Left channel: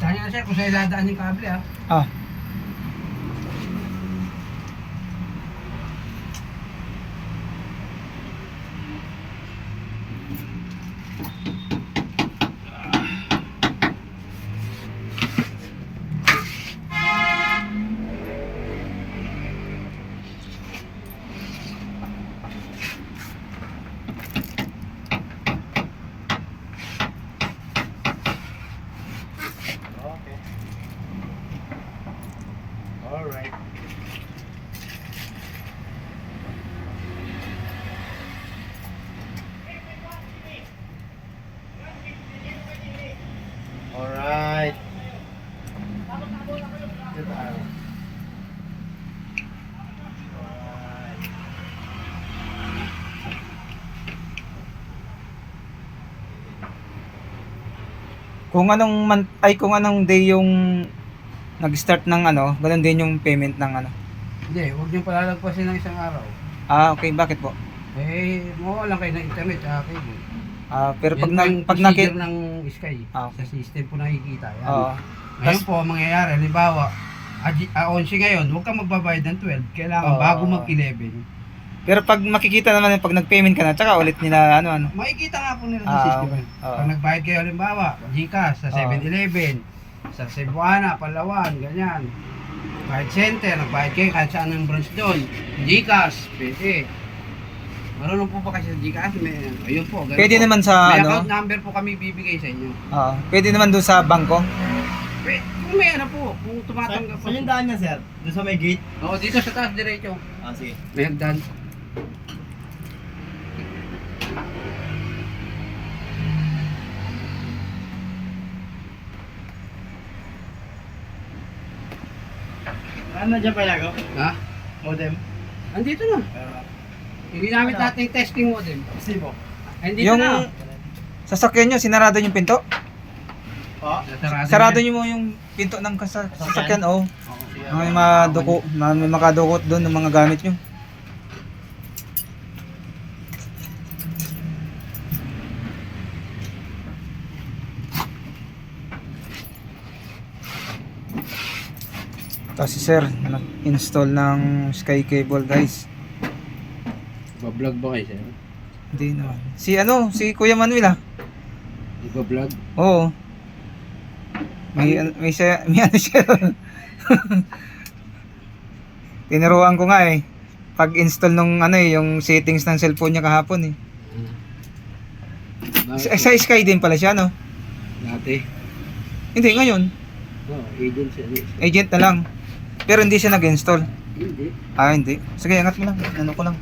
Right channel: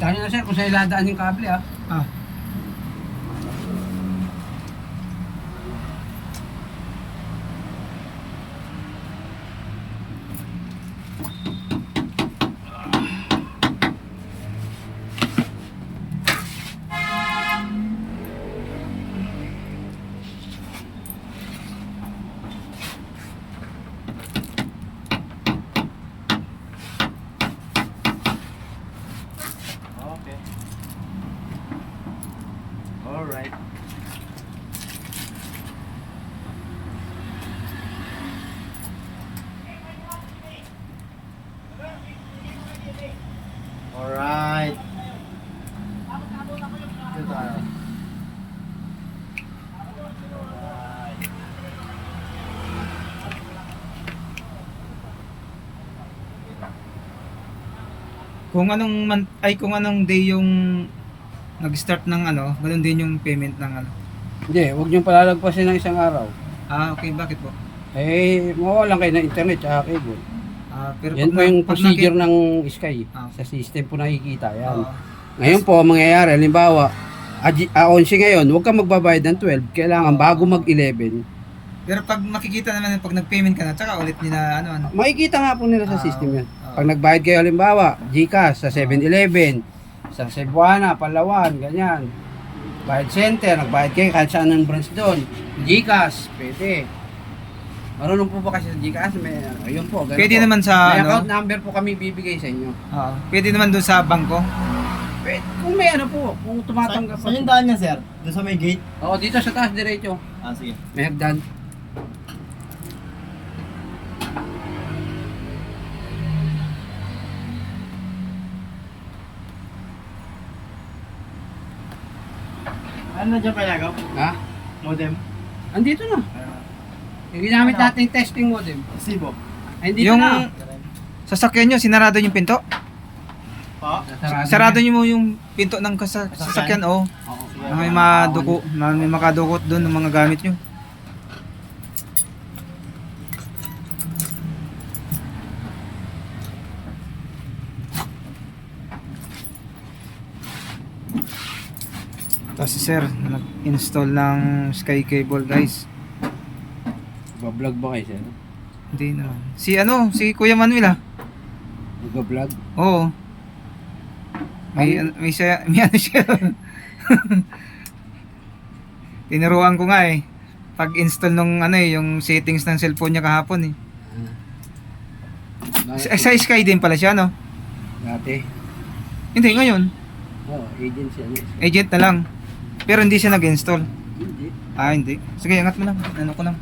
Kita nyo na sir kung saan dadaan yung kable ha. Ah. Alright. Alright. Goodbye. Kung anong day yung nag-start ng ano, ganun din yung payment ng ano. Hindi, huwag nyo palalagpasin ng isang araw. Ah, okay, bakit po? Eh, mawalan kayo ng internet tsaka cable. Ah, pero Yan pag po yung pag procedure ng Sky. Ah, Sa system po nakikita. Yan. Oo. Ngayon po, ang mangyayari, halimbawa, 11 ngayon, huwag ka magbabayad ng 12. Kailangan Oo. bago mag-11. Pero pag makikita naman pag nag-payment ka na, tsaka ulit nila ano. Makikita nga po nila sa Ah, system. okay. yan. Oo. Pag nagbayad kayo, halimbawa, GCash sa 7-Eleven, sa Cebuana, Palawan, ganyan. Bayad center, nagbayad kayo kahit saan ng branch doon. GCash, pwede. Marunong po ba kasi sa GCash? May, ayun po. ganun Pwede po. naman sa May ano? account number po kami bibigay sa inyo. Oo. Pwede naman doon sa bangko. Pwede, kung may ano po, kung tumatanggap po. Saan yung daan niya, sir? Doon sa may gate? Oo, dito sa taas diretso. Ah, sige. May hagdan. Ano na dyan palagaw? Ha? Modem? Andito na. Yung ginamit nating testing modem. Sibo? Ay, andito Yung na. sasakyan nyo, sinarado yung pinto? Oo. Sarado nyo mo yung pinto ng sasakyan, oh. Oo. Na may maduko, na may makadukot doon ng mga gamit nyo. Tapos si sir, nag-install ng Sky Cable guys. Nagbablog ba kayo siya? Hindi naman. Si Kuya Manuel ah. Nagbablog? Oo. May ano siya. Tinuruan ko nga eh. Pag-install nung ano eh, yung settings ng cellphone niya kahapon eh. Sa Sky din pala siya no? Dati. Hindi, ngayon. Oo, agent siya. Agent na lang. Pero hindi siya nag-install. Hindi. Ah, hindi. Sige, angat mo lang. Ano ko lang.